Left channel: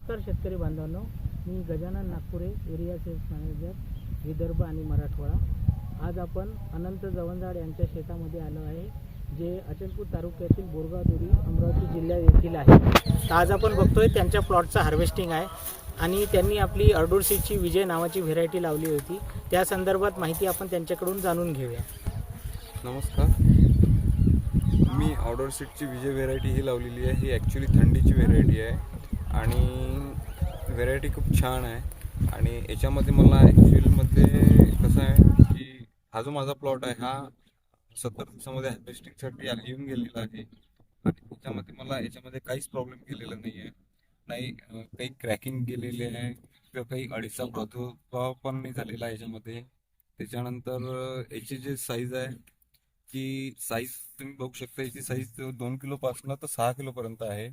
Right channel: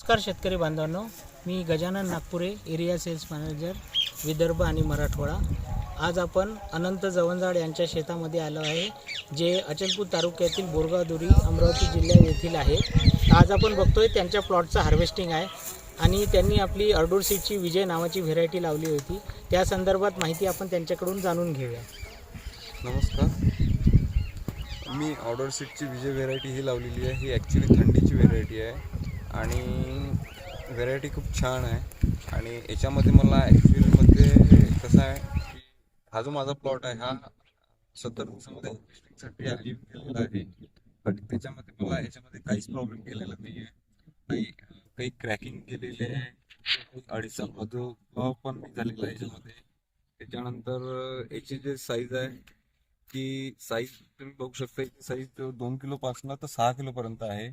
नमस्कार शेतकरी बांधवांनो मी Gajanan Nagpure area sales manager Vidarbha आणि मराठवाडा. आज आपण अनंत जवंजाड यांच्या शेतामध्ये आलो आहे जे अचलपूर तालुक्यातील बोरगावदुरी अमरावती जिल्ह्या येथील आहे. आज आपण बघतोय त्यांच्या प्लॉटचं हार्वेस्टिंग आहे आणि त्यांनी आपली अर्डोरसीची विजय नावाची व्हेरायटी लावली होती. त्या संदर्भात माहिती आपण त्यांच्याकडून जाणून घेऊया. नमस्कार. मी ऑर्डर सीटची विजय व्हेरायटी ही लावलेली आहे. ही ॲक्च्युली थंडीची व्हेरायटी आहे. आणि व्हेरायटी खूप छान आहे. आणि याच्यामध्ये मला ॲक्च्युअलमध्ये कसं आहे की हा जो माझा प्लॉट आहे हा सत्तर दिवसामध्ये हार्वेस्टिंगसाठी येऊन गेलेला आहे. पण त्याच्यामध्ये मला याच्यामध्ये काहीच प्रॉब्लेम केलेला नाही आहे नाही काही क्रॅकिंग गेलेले आहे किंवा काही अडीचा प्रादुर्भाव पण नाही झालेला आहे याच्यामध्ये. त्याच्यानंतर याची जे साईज आहे की साईज तुम्ही बघू शकता याची साईज दोन किलोपासून तर सहा किलोपर्यंत आहे.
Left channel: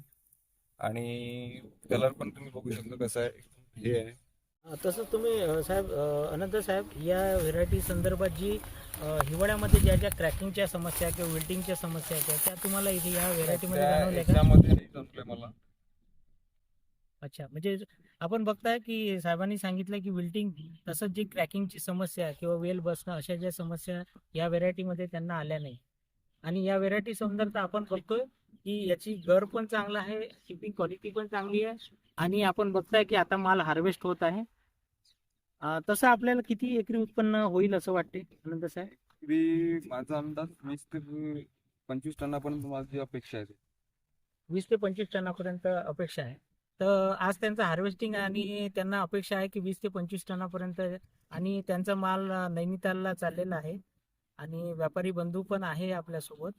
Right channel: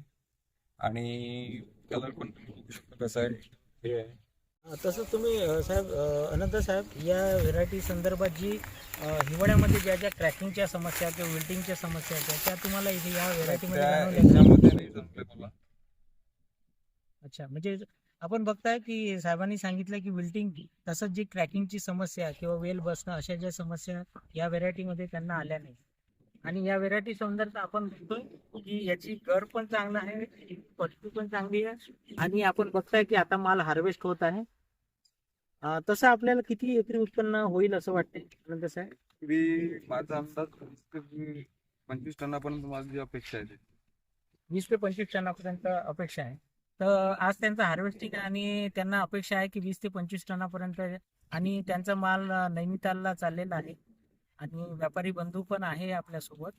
आणि कलर पण तुम्ही बघू शकता कसं आहे. हे आहे. तसंच तुम्ही अ, साहेब अ, अनंत साहेब या व्हेरायटी संदर्भात जी अ, हिवाळ्यामध्ये ज्या ज्या क्रॅकिंगच्या समस्या किंवा विल्टिंगच्या समस्या आहेत त्या तुम्हाला इथे या व्हेरायटीमध्ये त्या जाणवल्या का? याच्यामध्ये नाही जमले मला. अच्छा म्हणजे आपण बघताय की साहेबांनी सांगितलं की विल्टिंग तसंच जी क्रॅकिंगची समस्या किंवा वेल बसणं अशा ज्या समस्या या व्हेरायटीमध्ये त्यांना आल्या नाही. आणि या व्हेरायटी संदर्भात आपण बघतोय की याची गर पण चांगला आहे शिपिंग क्वालिटी पण चांगली आहे. आणि आपण बघताय की आता माल हार्वेस्ट होत आहे. तसं आपल्याला किती एकरी उत्पन्न होईल असं वाटते आनंद साहेब? मी माझा अंदाज वीस ते पंचवीस टनापर्यंत माझी अपेक्षा आहे वीस ते पंचवीस टनापर्यंत अपेक्षा आहे. तर आज त्यांचं हार्वेस्टिंग आणि त्यांना अपेक्षा आहे की वीस ते पंचवीस टनापर्यंत आणि त्यांचा माल नैनितालला चाललेला आहे. आणि व्यापारी बंधू पण आहे आपल्यासोबत.